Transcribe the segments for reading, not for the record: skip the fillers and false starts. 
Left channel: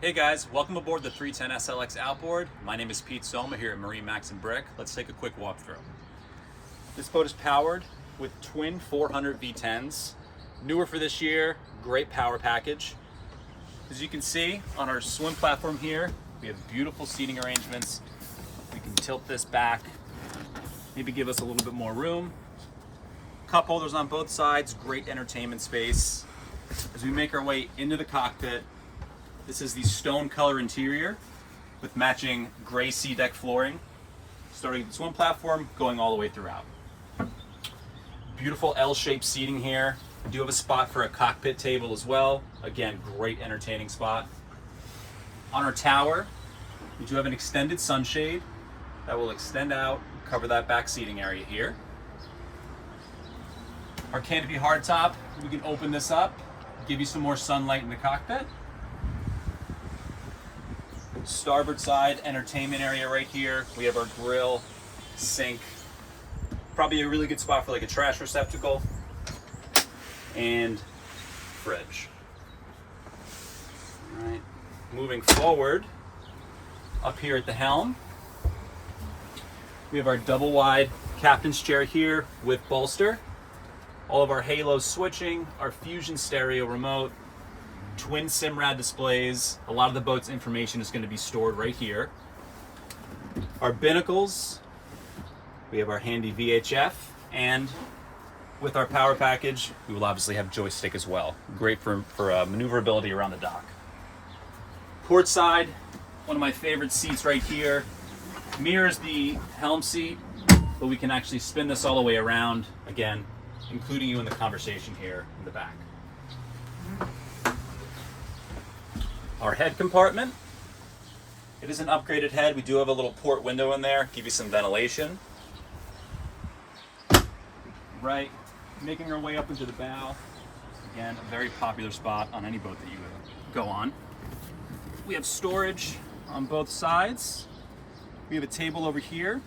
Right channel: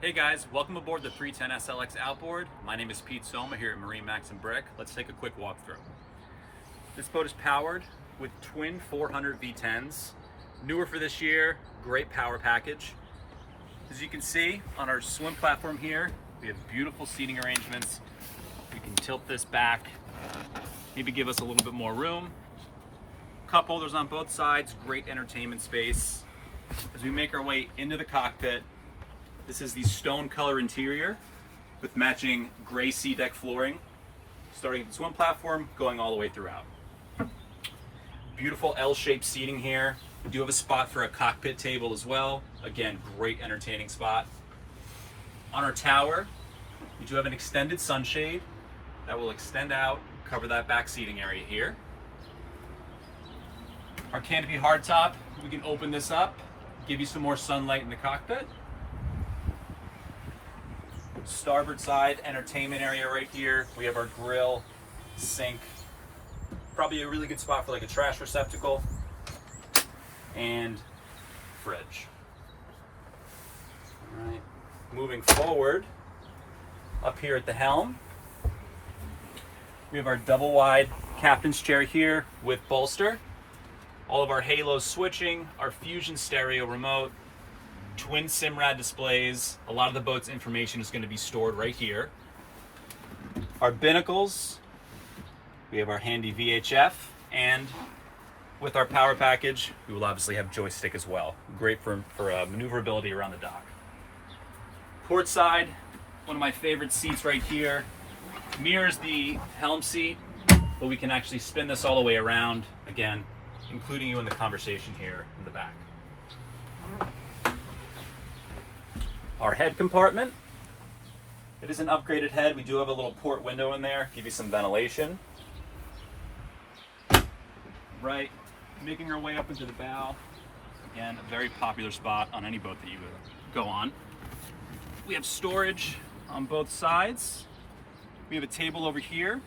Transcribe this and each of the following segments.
Hey guys, welcome aboard the 310 SLX Outboard. My name is Pete Soma here at MarineMax Brick. Let's take a quick walkthrough. This boat is powered with twin 400 V10s. Newer for this year, great power package. As you can see on our swim platform here, we have beautiful seating arrangements. We can tilt this back, maybe give us a little bit more room. Cup holders on both sides, great entertainment space. As we make our way into the cockpit, this is the stone color interior with matching gray sea deck flooring, starting at the swim platform, going all the way throughout. Beautiful L-shaped seating here. We do have a spot for a cockpit table as well. Again, great entertaining spot. On our tower, we do have an extended sunshade that will extend out, cover that back seating area here. Our canopy hardtop, we can open this up, give you some more sunlight in the cockpit. Starboard side entertainment area right here. We have our grill, sink, probably a really good spot for like a trash receptacle, and fridge. All right, moving forward, up here at the helm, we have our double wide captain's chair here with bolster. All of our halo switching, our Fusion stereo remote, twin Simrad displays. A lot of the boat's information is going to be stored right here. Our binnacles, we have our handy VHF, and with our power package, we will obviously have joystick as well. Great for maneuverability around the dock. Port side, one of my favorite seats right here. Mirrors the helm seat, but we can actually spin this all the way around, again, including you in the conversation here in the back. Our head compartment, it is an upgraded head. We do have a little port window in there, give you some ventilation. Right, making our way up into the bow. Again, a very popular spot on any boat that you go on. We have storage on both sides. We have a table over here.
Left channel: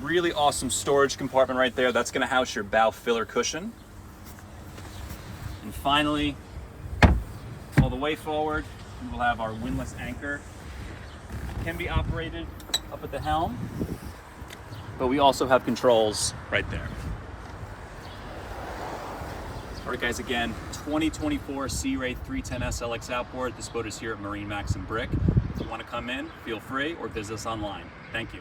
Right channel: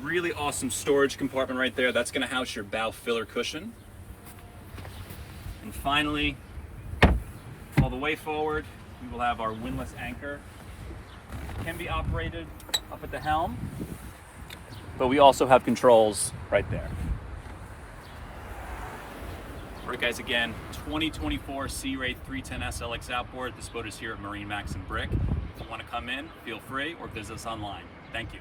Really awesome storage compartment right there. That's going to house your bow filler cushion. And finally, all the way forward, we will have our windlass anchor. It can be operated up at the helm, but we also have controls right there. All right, guys, again, 2024 Sea Ray 310 SLX Outboard. This boat is here at MarineMax Brick. If you want to come in, feel free or visit us online. Thank you.